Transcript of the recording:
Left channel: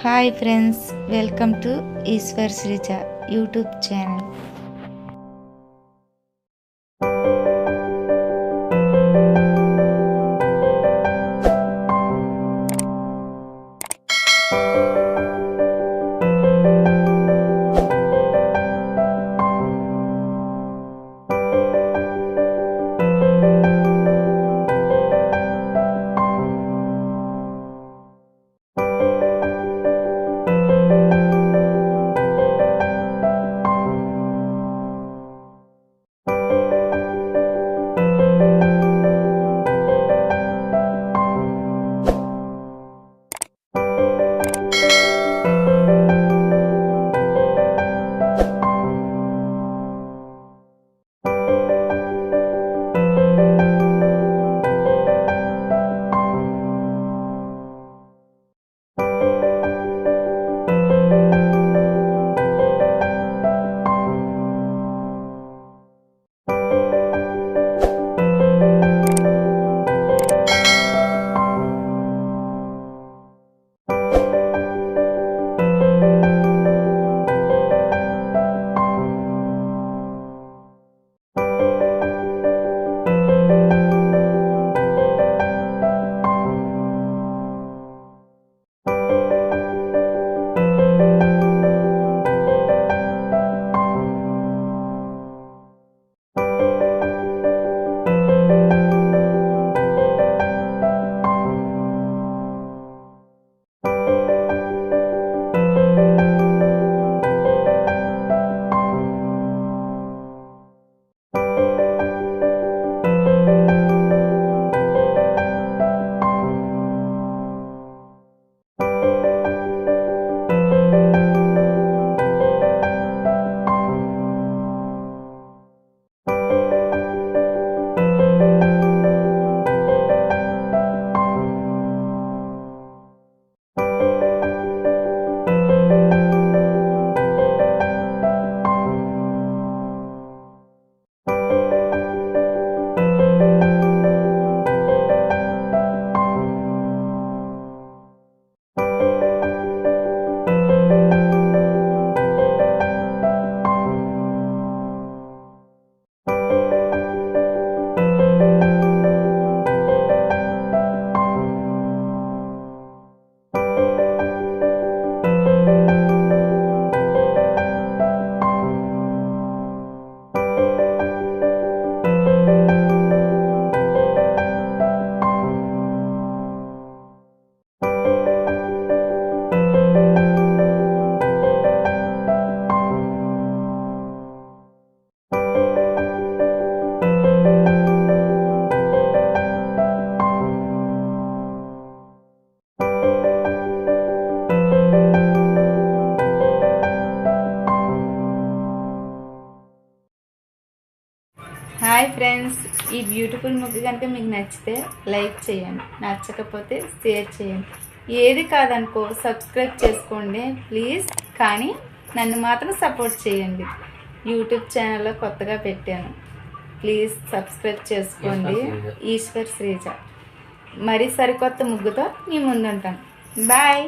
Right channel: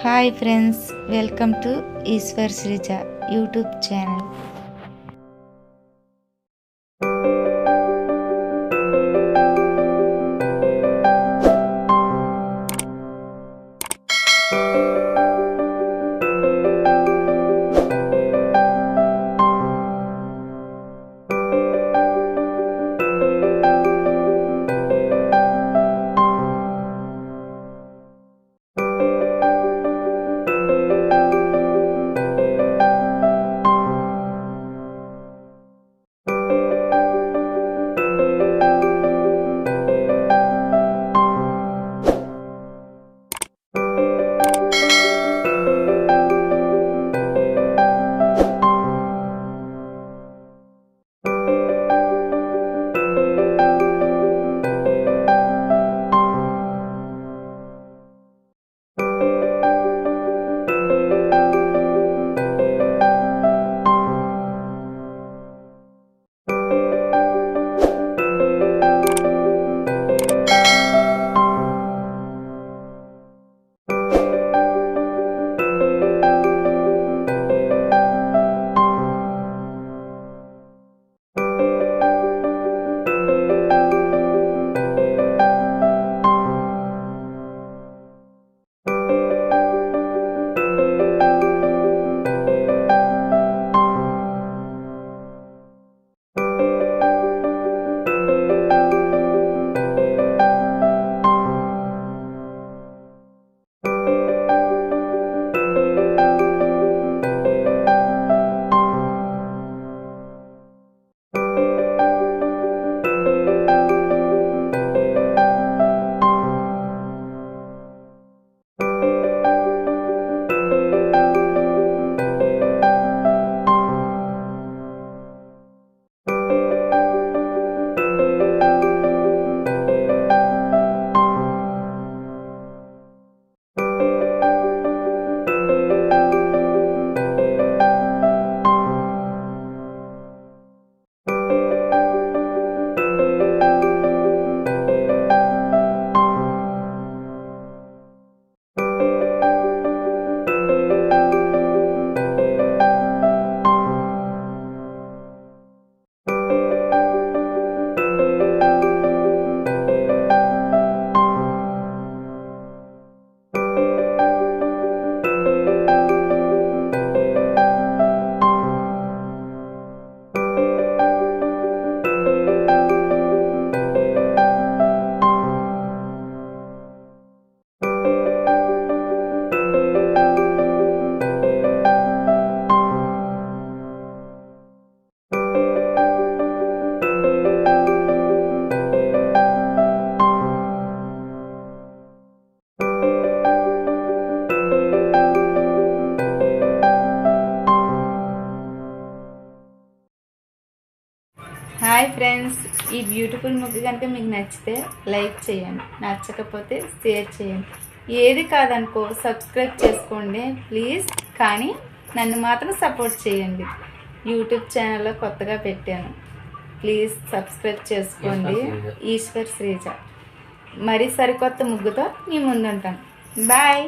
Hi friends welcome to Eshwar Sreeja YouTube channel. hi friends ఈ beautiful ముగ్గు కనుక మీకు నచ్చితే లైక్ చేయండి. నచ్చకపోతే షేర్ చేయండి. ఏది కాదనుకో సబ్స్క్రైబ్ చేసుకోండి ప్లీజ్ కానీ నన్ను మాత్రం సపోర్ట్ చేయండి. యూట్యూబ్ ఛానల్లో కొత్తగా పెట్టాను. ప్లీజ్ సబ్స్క్రైబ్ చేసుకోండి. ఈశ్వర్ శ్రీజ మరి సరికొత్త ముగ్గుతో మీ ముందుంటాను. బాయ్